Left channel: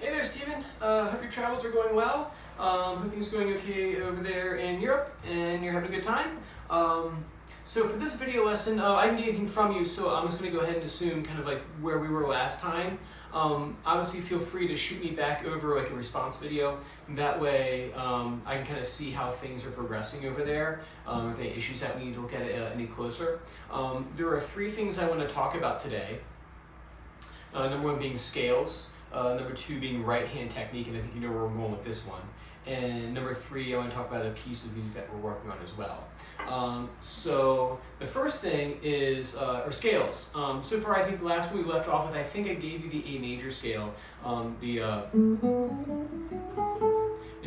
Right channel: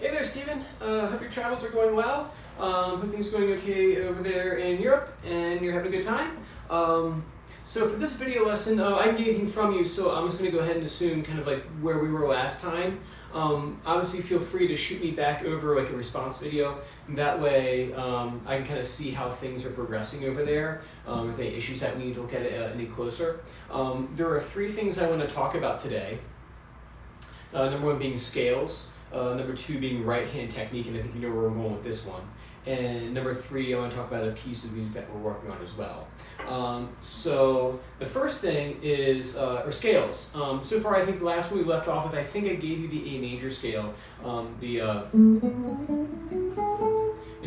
Hey there, Stephen. Hope your travels are going well. Hope things are going okay over there in Europe and you're having a good time. So for this video lesson, I didn't get anything from you, so I'm just going to go ahead and assume kind of like where we were last time. Obviously, feel free to shoot me back over like a response video. That way, I can kind of see how things are progressing over there. If any issues that we need to look at it any closer. There are three things I want to talk about today. Number one being scales. Number two being right hand technique, and I think you know where we're going with this one. And number three, I want to talk about a piece of music that we're working on as well. So the first thing is or scales. So far, I think the last one we left off with, I think I gave you the A major scale. And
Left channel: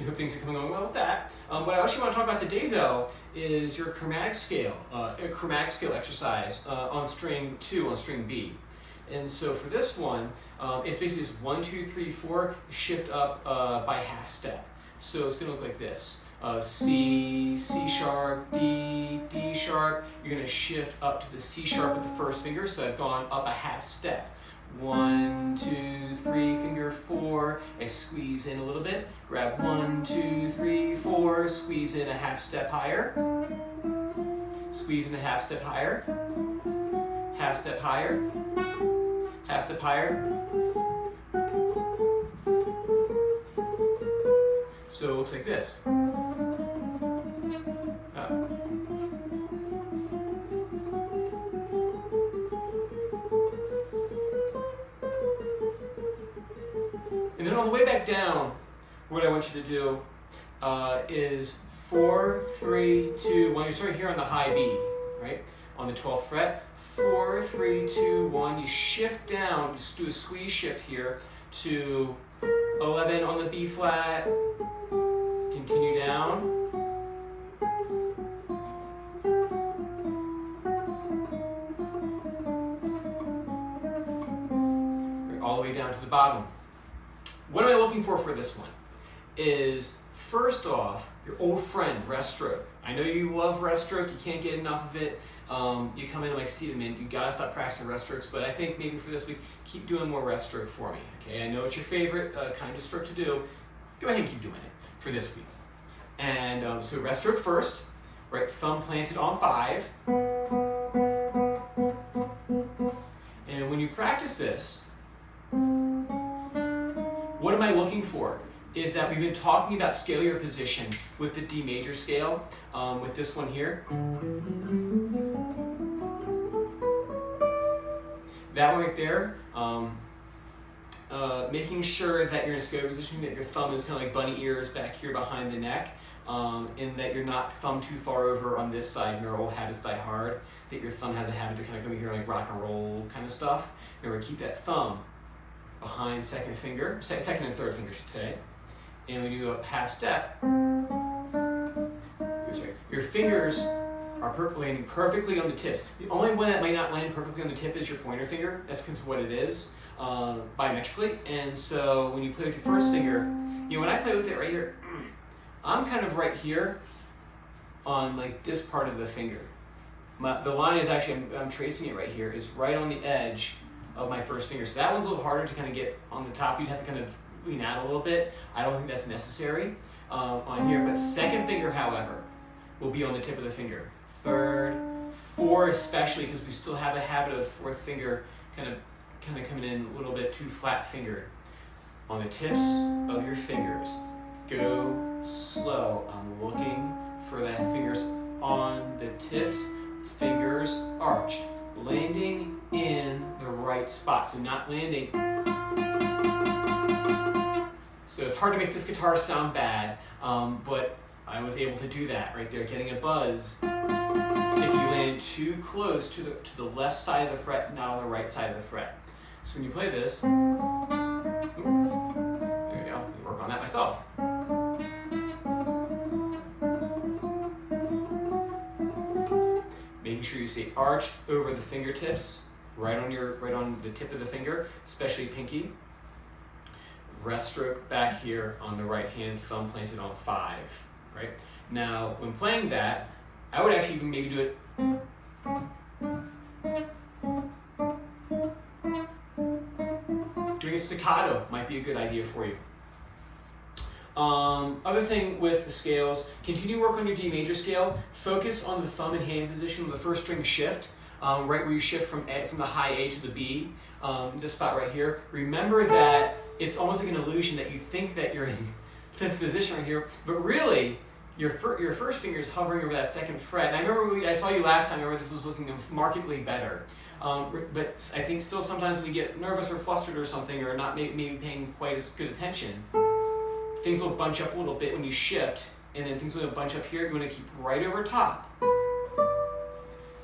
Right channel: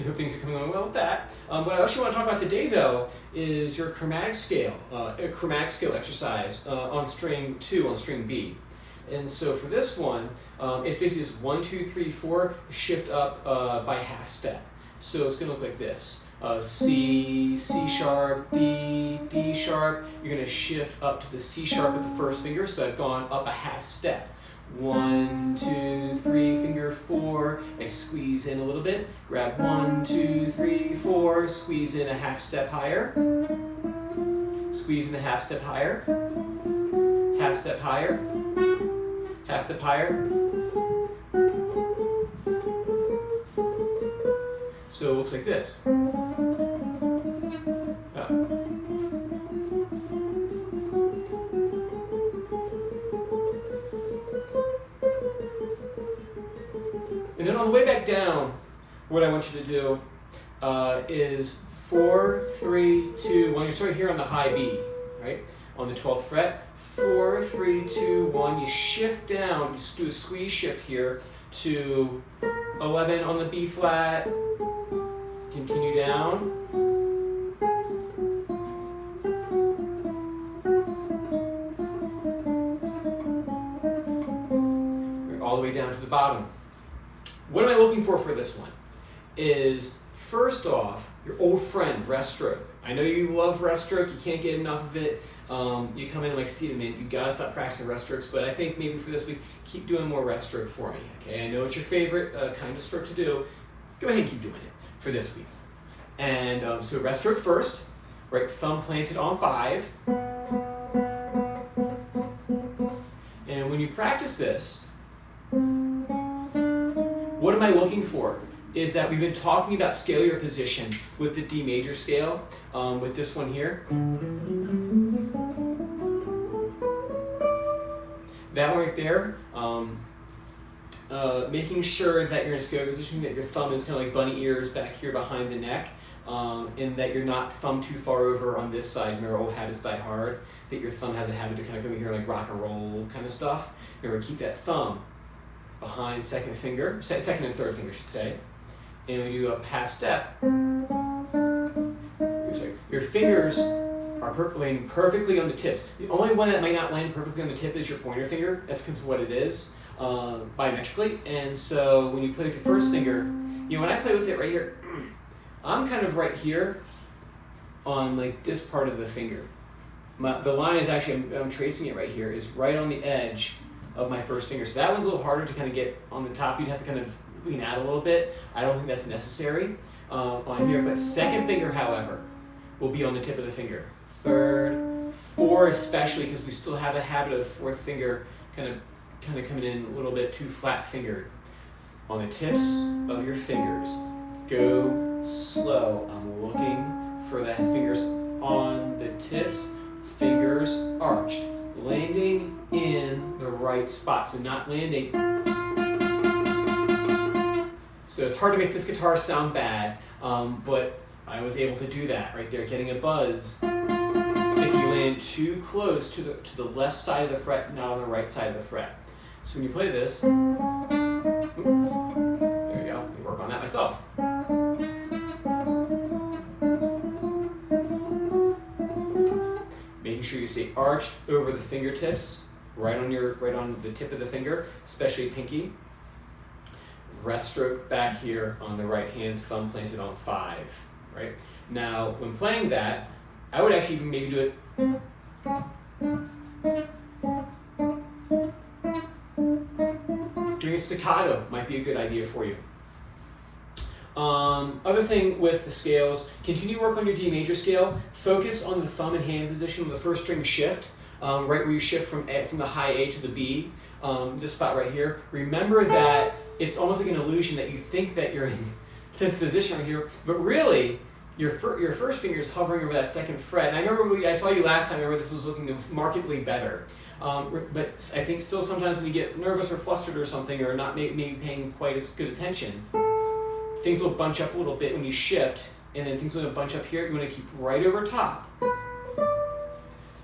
hope things are coming along well with that. What I actually want to talk about today, though, is your chromatic scale, a chromatic scale exercise on string 2, on string B. And so for this one, it's basically just 1, 2, 3, 4, shift up by half step. So it's going to look like this. C, C sharp, D, D sharp. You're going to shift up to the C sharp with the first finger, so I've gone up a half step. 1, 2, 3, finger 4. I squeeze in a little bit. Grab 1, 2, 3, 4. Squeeze in a half step higher. Squeeze in a half step higher. Half step higher. Half step higher. So it looks like this. And then on the way back down, what I want you to do is 4, 3, 2, 1. You start here on the high B, right? On the 12th fret. 4, 3, 2, 1. You shift down. You just do a squeeze shift here to 11 on the B flat. Continue down. All the way down to the bottom. What am I looking for this one? Is first off, your old friend, rest stroke. I know you love rest stroke, you can't get enough of it. You come in like, Steven, man, you gotta stop practicing rest strokes, but I think maybe for this week, keep doing more rest stroke for me, okay? I know it's your favorite kind of stroke to do. Go ahead and keep doing it for this week. And so rest stroke first, right thumb planted on 5. And when you practice this, what am I looking for? Is that we've been talking about scale your position with the D major scale, with this one here. That one right there, making sure that you're in a scale position, that your thumb is kind of like bunny ears back here behind the neck, and that you're not thumb too far over on this side. Remember, old habits die hard, that your thumb has a habit to kind of come here like rock and roll kind of stuff. Remember, keep that thumb behind second and third finger, I should say. And when you do a half step, your fingers are landing perfectly on the tips. The only one that might not land perfectly on the tip is your pointer finger. That's because of what it is, biometrically. And so when you play with your first finger, you know, when I play with it right here, I'm kind of right here on like this part of the finger. The line is actually, I'm tracing it right here, is right on the edge of my first finger. So that one's a little harder to kind of get on the top. You'd have to kind of lean out a little bit. I don't think that's necessary on here. But second finger, however, will be on the tip of the finger. Third, 4 especially, because we still have a habit of fourth finger kind of coming in a little bit too flat fingered. On the tips of your fingers, go slow. I'm looking for the fingers on the tips, fingers arched, landing in the right spot. So not landing. So it's hard to make this guitar sound bad, but I was able to do that right there, getting a buzz. If you land too close to the left side of the fret, not on the right side of the fret. So when you play this, there you go, let me work on that myself. Making sure you stay arched over the fingertips, right on the tip of the finger, especially pinky. Rest stroke back here on the right hand, thumb planted on 5, right? Now, when playing that, I would actually maybe do it doing doing a staccato might be a good idea for you. Other thing with the scales, continue work on your D major scale. Focus on the thumb and hand position on the first string shift, right where you shift from the high A to the B, this spot right here. Remember that it's almost like an illusion that you think that you're in fifth position right here, but really your first finger is hovering over that second fret. And I remember I saw you last time. I remember this was looking markedly better. But I think still sometimes when you get nervous or flustered or something, or not maybe paying quite as good attention, things will bunch up a little bit when you shift, and then things will bunch up here. You want to keep right over top.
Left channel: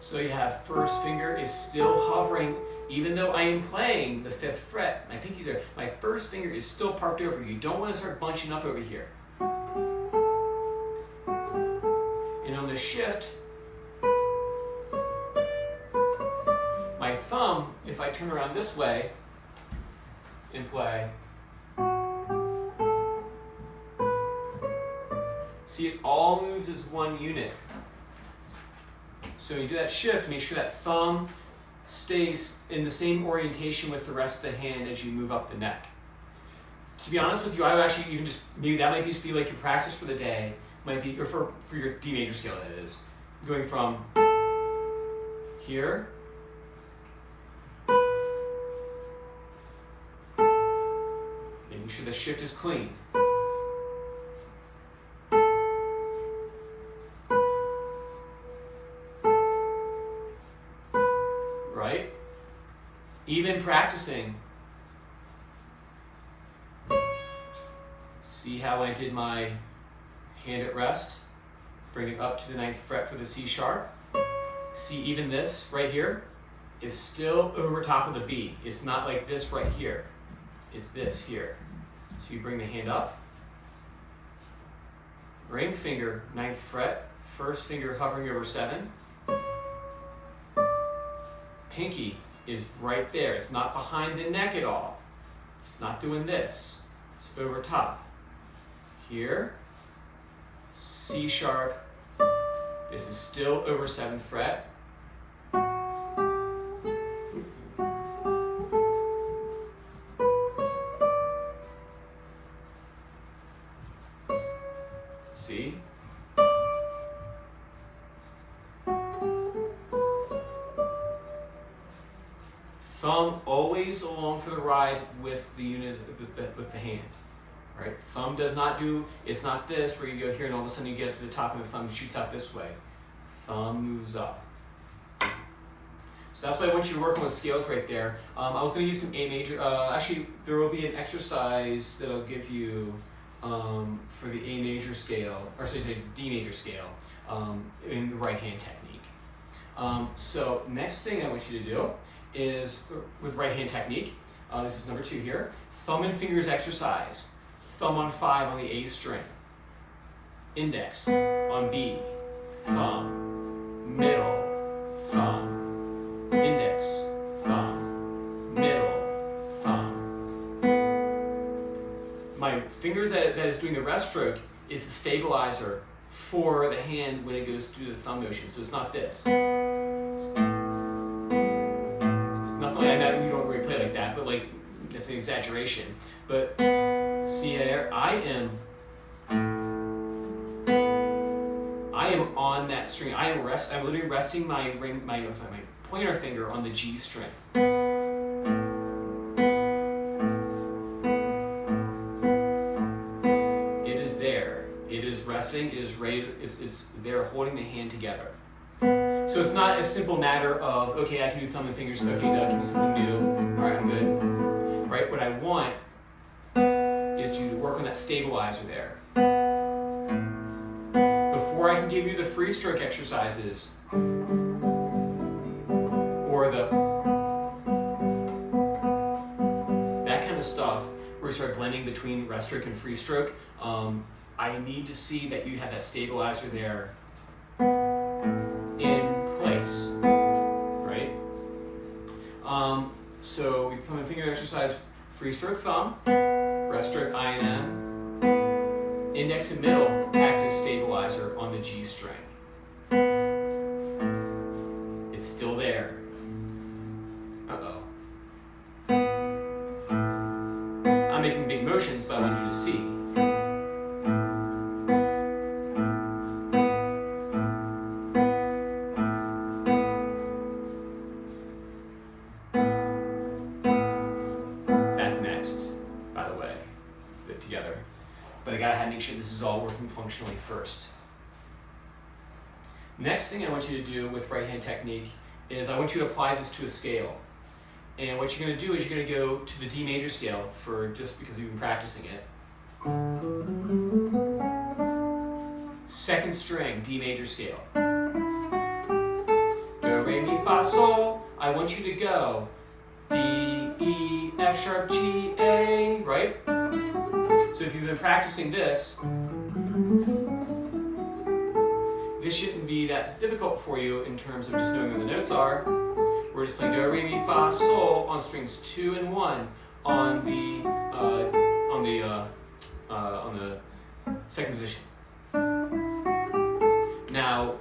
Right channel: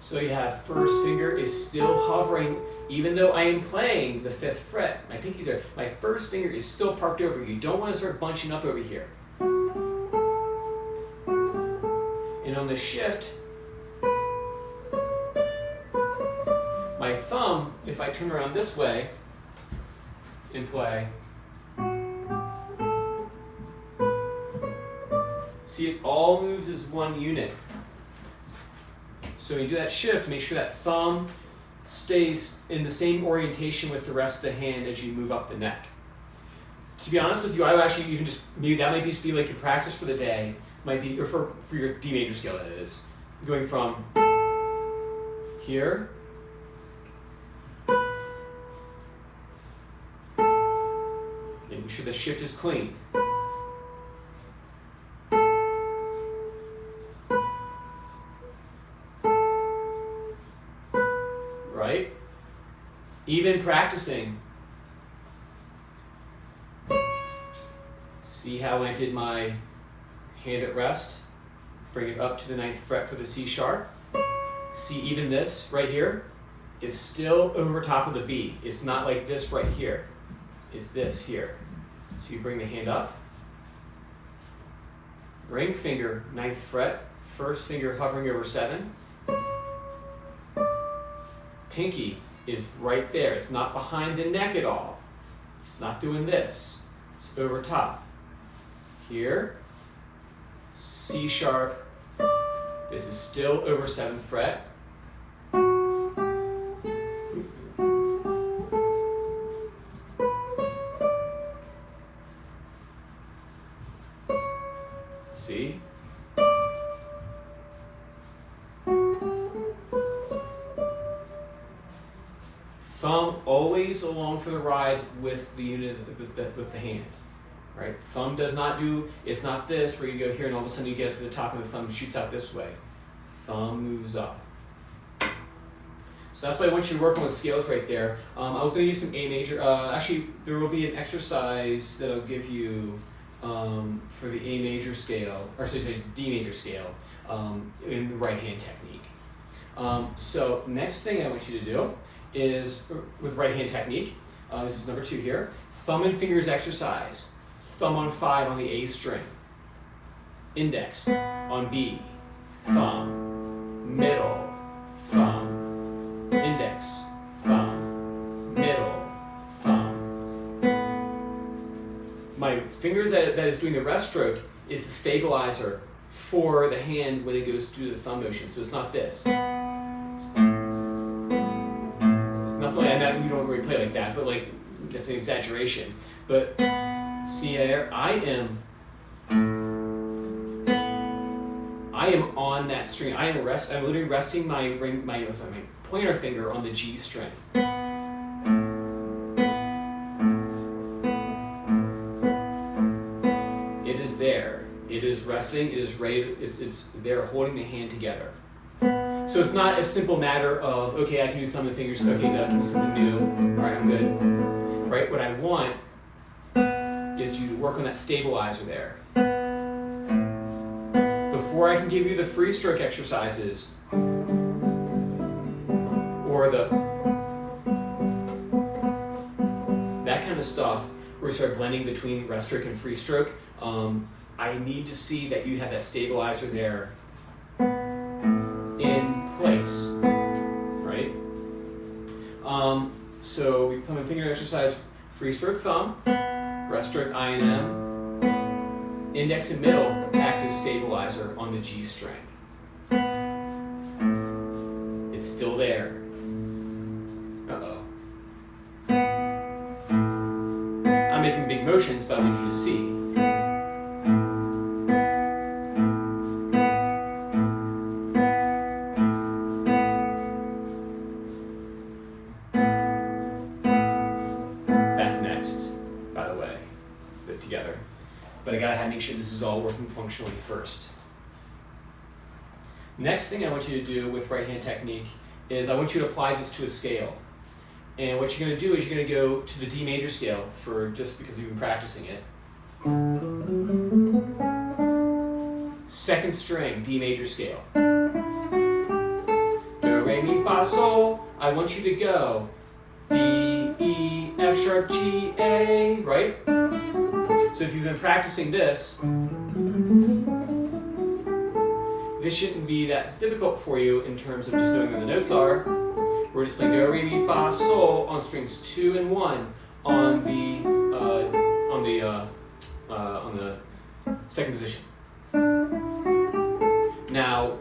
So you have first finger is still hovering, even though I am playing the fifth fret. My pinky's there. My first finger is still parked over. You don't want to start bunching up over here. And on the shift, my thumb, if I turn around this way and play, see, it all moves as one unit. So when you do that shift, make sure that thumb stays in the same orientation with the rest of the hand as you move up the neck. To be honest with you, I would actually even just, maybe that might just be like your practice for the day, might be, or for your D major scale that is, going from here making sure the shift is clean. Right? Even practicing. See how I did my hand at rest? Bring it up to the 9th fret for the C sharp. See, even this right here is still over top of the B. It's not like this right here. It's this here. So you bring the hand up. Ring finger, 9th fret. First finger hovering over 7. Pinky is right there. It's not behind the neck at all. It's not doing this. It's over top. Here, C sharp. This is still over 7th fret. See? Thumb always along for the ride with the unit with the hand, right? Thumb does not do, it's not this where you go here and all of a sudden you get to the top and the thumb shoots out this way. Thumb moves up. So that's why I want you to work on the scales right there. I was going to use some A major. Actually, there will be an exercise that I'll give you for the A major scale, or sorry, D major scale in the right hand technique. So next thing I want you to do is with right hand technique. This is number 2 here. Thumb and fingers exercise. Thumb on 5 on the A string. Index on B. Thumb, middle, thumb, index, thumb, middle, thumb. My fingers that is doing the rest stroke is the stabilizer for the hand when it goes through the thumb motion. So it's not this. It's nothing. I know you don't really play like that, but like that's an exaggeration. But see there, I am on that string. I'm literally resting my pointer finger on the G string. It is there. It is resting. It is ready. It's there, holding the hand together. So it's not a simple matter of, okay, I can do thumb and fingers. Okay, Doug, give me something new. All right, I'm good. Right. What I want is you to work on that stabilizer there. Before I can give you the free stroke exercises or that kind of stuff where you start blending between rest stroke and free stroke, I need to see that you have that stabilizer there in place, right? So thumb and finger exercise, free stroke thumb, rest stroke I and M, index and middle act as stabilizer on the G string. It's still there. Uh-oh. I'm making big motions, but I want you to see. That's next, by the way, put it together. But I gotta make sure this is all working functionally first. Next thing I want you to do with right hand technique is I want you to apply this to a scale. And what you're going to do is you're going to go to the D major scale, for just because you've been practicing it. Second string, D major scale. Do, re, mi, fa, sol. I want you to go D, E, F sharp, G, A, right? So if you've been practicing this shouldn't be that difficult for you in terms of just knowing where the notes are. We're just playing do, re, mi, fa, sol on strings 2 and 1 on the second position. Now,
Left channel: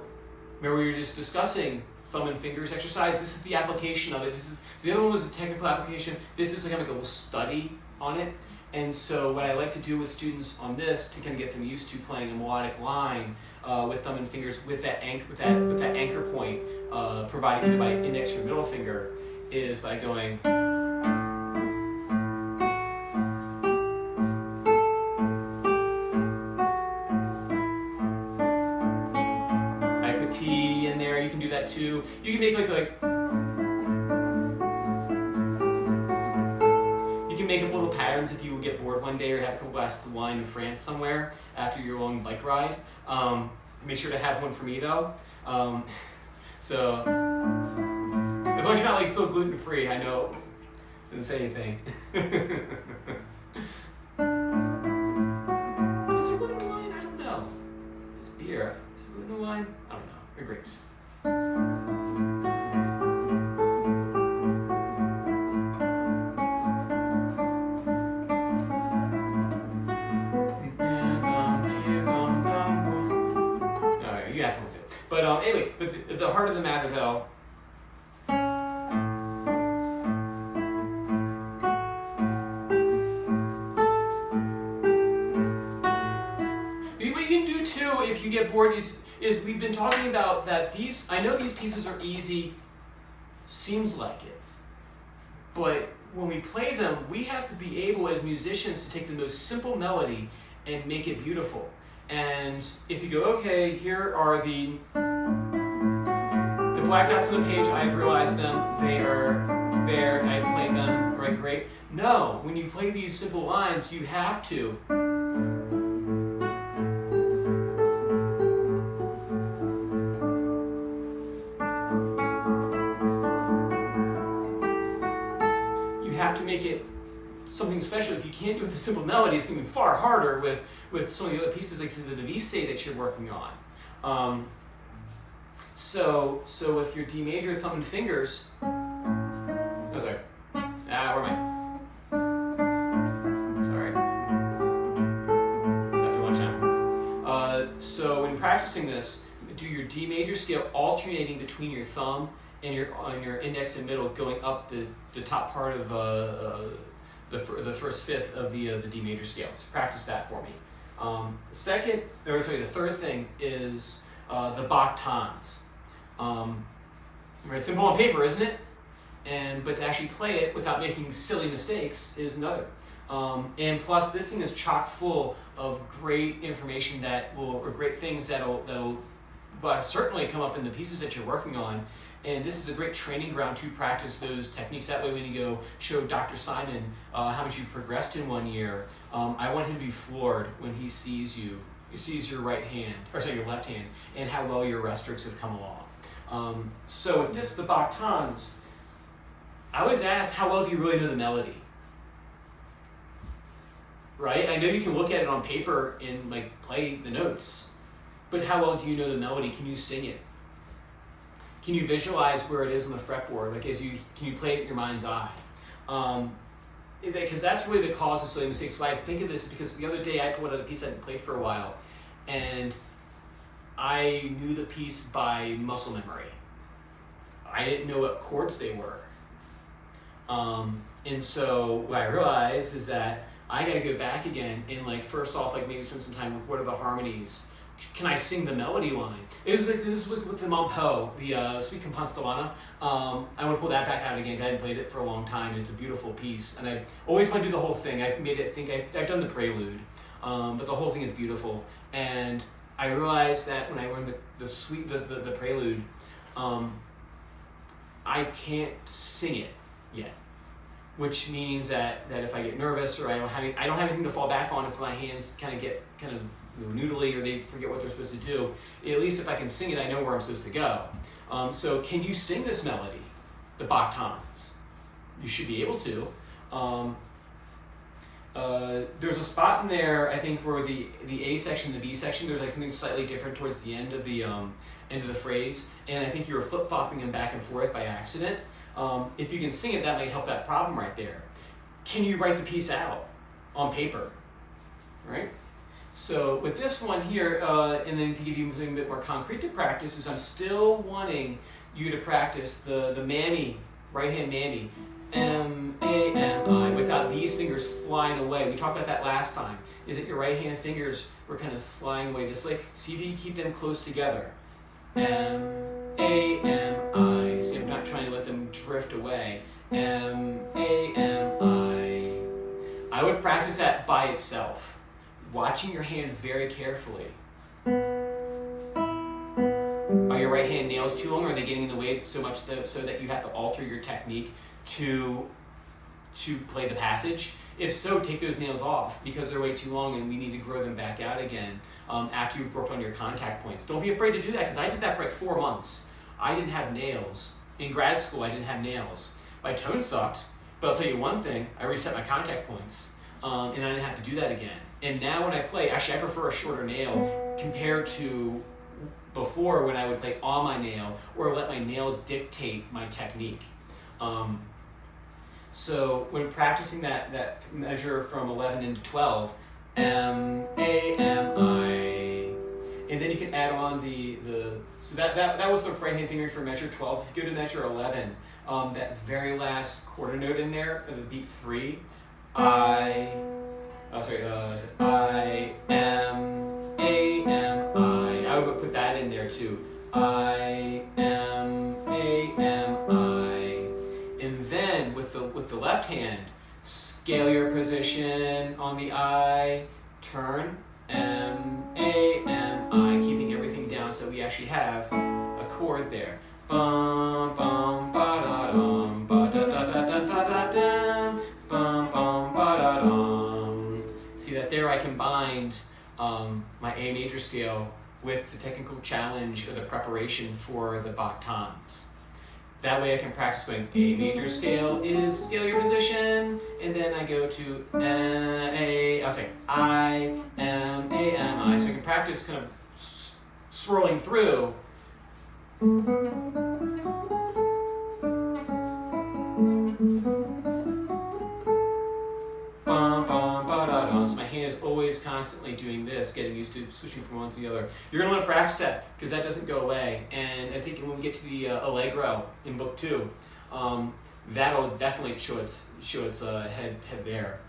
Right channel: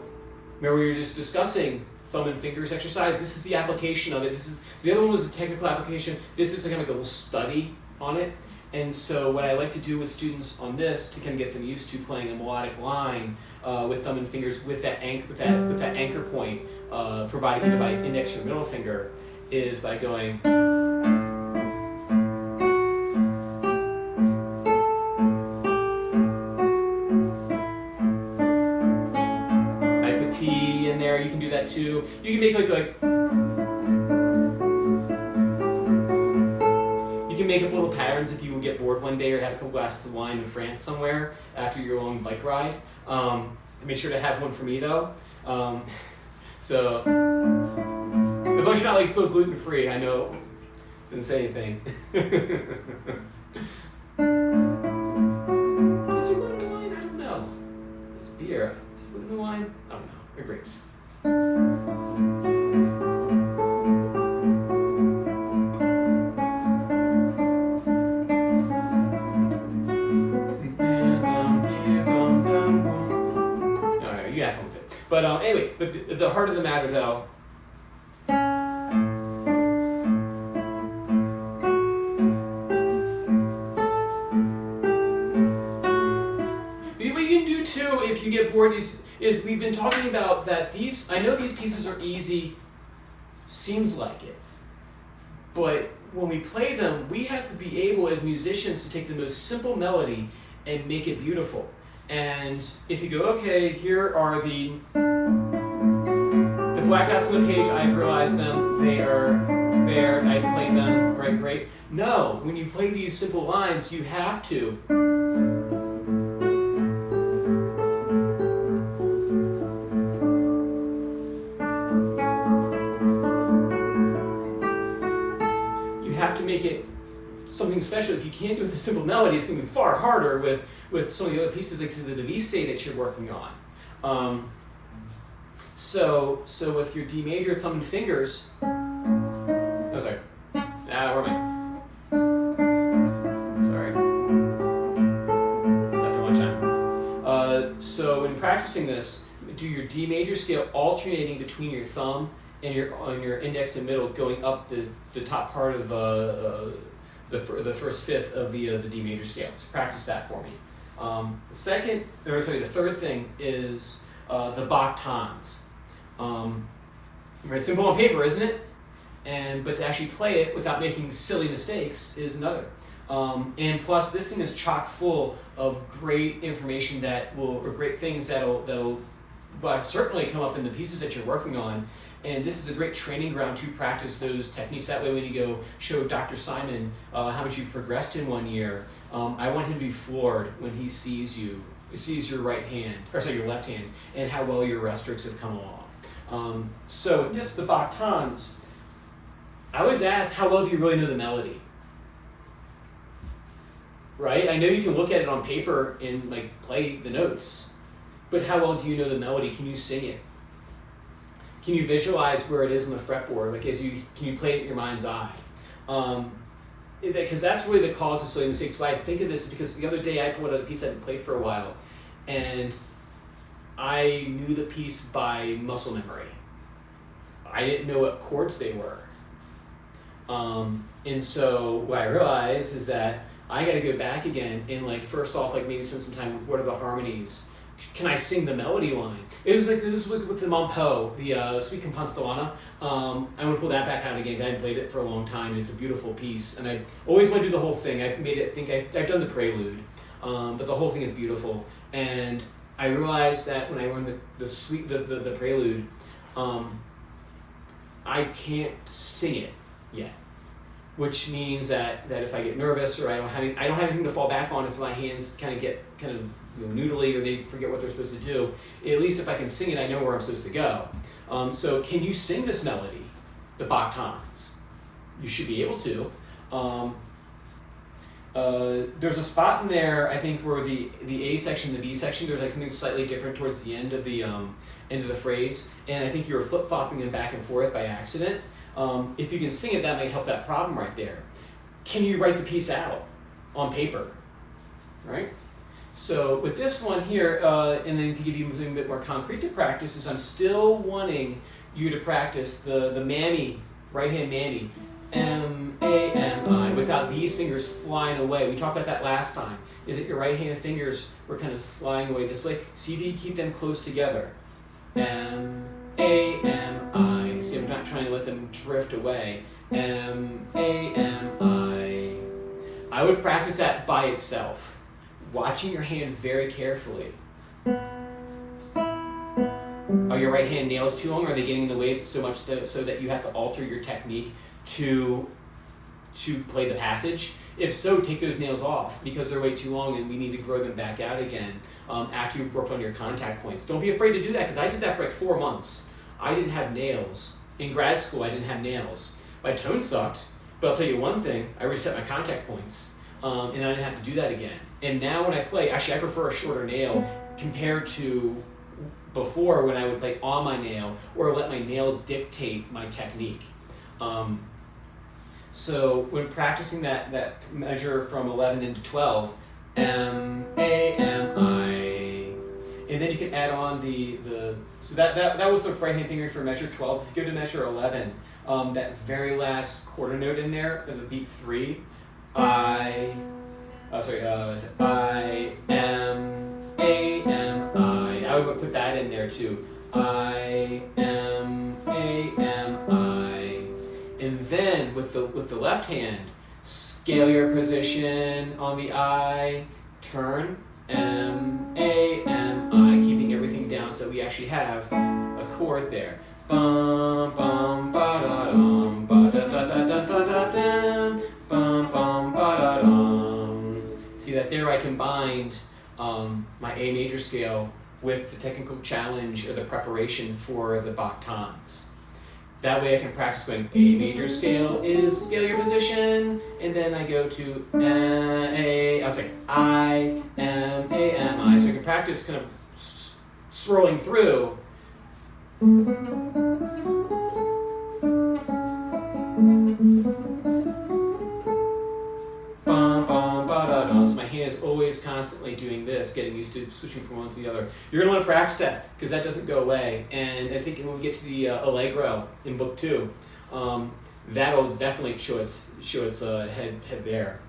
remember we were just discussing thumb and fingers exercise. This is the application of it. This is the other one was a technical application. This is like a little study on it. And so what I like to do with students on this to kind of get them used to playing a melodic line with thumb and fingers with that anchor point provided either by index or middle finger is by going. I put T in there. You can do that too. You can make make up little patterns if you will get bored one day or have a couple glasses of wine in France somewhere after your long bike ride. Make sure to have one for me though. So as long as you're not like so gluten free, I know. Didn't say anything. Is there gluten in wine? I don't know. It's beer. Is there gluten in wine? I don't know. Or grapes. But anyway, but the heart of the matter though, what you can do too if you get bored is we've been talking about that these, I know these pieces are easy, seems like it, but when we play them, we have to be able as musicians to take the most simple melody and make it beautiful. And if you go, okay, here are the black dots on the page, I've realized them, they are there, I play them, right, great. No, when you play these simple lines, you have to. You have to make it something special. If you can't do it with a simple melody, it's going to be far harder with some of the other pieces, like the Vice that you're working on. So with your D major thumb and fingers, where am I? Sorry. It's after lunchtime. So when practicing this, do your D major scale alternating between your thumb and your index and middle, going up the top part of the first fifth of the D major scale. So practice that for me. The third thing is the Bach tons. Very simple on paper, isn't it? But to actually play it without making silly mistakes is another. And plus, this thing is chock full of great information or great things that'll certainly come up in the pieces that you're working on. And this is a great training ground to practice those techniques. That way when you go show Dr. Simon how much you've progressed in 1 year, I want him to be floored when he sees your right hand, your left hand, and how well your rest strokes have come along. So with this, the Bach tons, I always ask, how well do you really know the melody? Right? I know you can look at it on paper and play the notes, but how well do you know the melody? Can you sing it? Can you visualize where it is on the fretboard? Can you play it in your mind's eye? Because that's really the cause of silly mistakes. Why I think of this is because the other day I pulled out a piece I hadn't played for a while, and I knew the piece by muscle memory. I didn't know what chords they were. And so what I realized is that I got to go back again and like first off like maybe spend some time with what are the harmonies. Can I sing the melody line? It was like this with the Mon Po, the Suite Compostellata. I want to pull that back out again because I hadn't played it for a long time, and it's a beautiful piece. And I always want to do the whole thing. I've made it think I've done the prelude, but the whole thing is beautiful. And I realized that when I learned the suite, the prelude, I can't sing it yet, which means that if I get nervous or I don't have anything to fall back on, if my hands kind of get noodly or they forget what they're supposed to do, at least if I can sing it, I know where I'm supposed to go. So can you sing this melody, the Bach tones? You should be able to. There's a spot in there, I think, where the A section, the B section, there's like something slightly different towards the end of the phrase, and I think you were flip-flopping them back and forth by accident. If you can sing it, that might help that problem right there. Can you write the piece out on paper, right? So with this one here, and then to give you something a bit more concrete to practice, is I'm still wanting you to practice the Mammy, right hand Mammy, M-A-M-I, without these fingers flying away. We talked about that last time, is that your right hand fingers were kind of flying away this way. See if you can keep them close together. M-A-M-I. See, I'm not trying to let them drift away. M-A-M-I. I would practice that by itself, watching your hand very carefully. Are your right hand nails too long? Or are they getting in the way so much so that you have to alter your technique to play the passage? If so, take those nails off because they're way too long and we need to grow them back out again after you've worked on your contact points. Don't be afraid to do that because I did that for like 4 months. I didn't have nails. In grad school, I didn't have nails. My tone sucked, but I'll tell you one thing, I reset my contact points and I didn't have to do that again. And now when I play, actually I prefer a shorter nail compared to before when I would play on my nail or let my nail dictate my technique. So when practicing that measure from 11 into 12, M-A-M-I, and then you can add on so that was the right hand finger for measure 12. If you go to measure 11, that very last quarter note in there, the beat 3, I-M-A-M-I. I would put that in there too. I-M-A-M-I. And then with the left hand, scale your position on the I, turn, M-A-M-I, keeping everything down so we actually have a chord there. Bum bum ba da dum ba da da da da da da dum bum bum ba da dum. See that there I combined my A major scale with the technical challenge or the preparation for the Bach tones. That way I can practice going A major scale is scale your position, and then I go to I-M-A-M-I, so I can practice kind of swirling through. So my hand is always constantly doing this, getting used to switching from one to the other. You're going to want to practice that because that doesn't go away. And I think when we get to the Allegro in book 2, that'll definitely show its head there.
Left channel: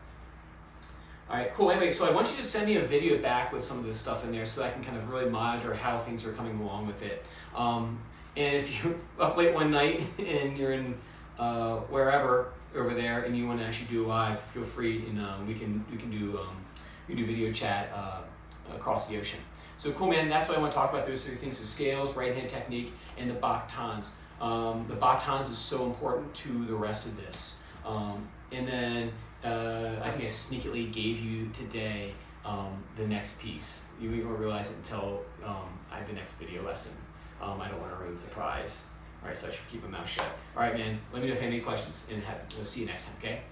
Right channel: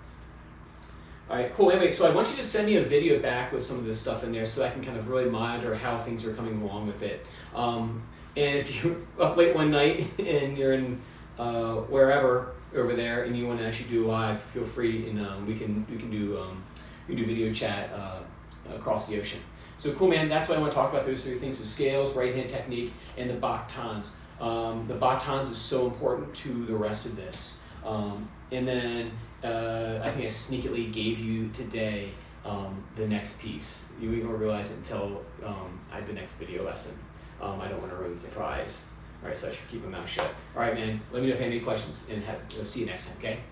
All right, cool. Anyway, so I want you to send me a video back with some of this stuff in there so I can kind of really monitor how things are coming along with it. And if you're up late one night and you're in wherever over there and you want to actually do live, feel free, and we can do video chat across the ocean. So cool, man. That's why I want to talk about those 3 things: the scales, right hand technique, and the Bach tones. The Bach tones is so important to the rest of this. And then I think I sneakily gave you today the next piece. You won't realize it until I have the next video lesson. I don't want to ruin the surprise. All right, so I should keep my mouth shut. All right, man, let me know if you have any questions, and see you next time, okay?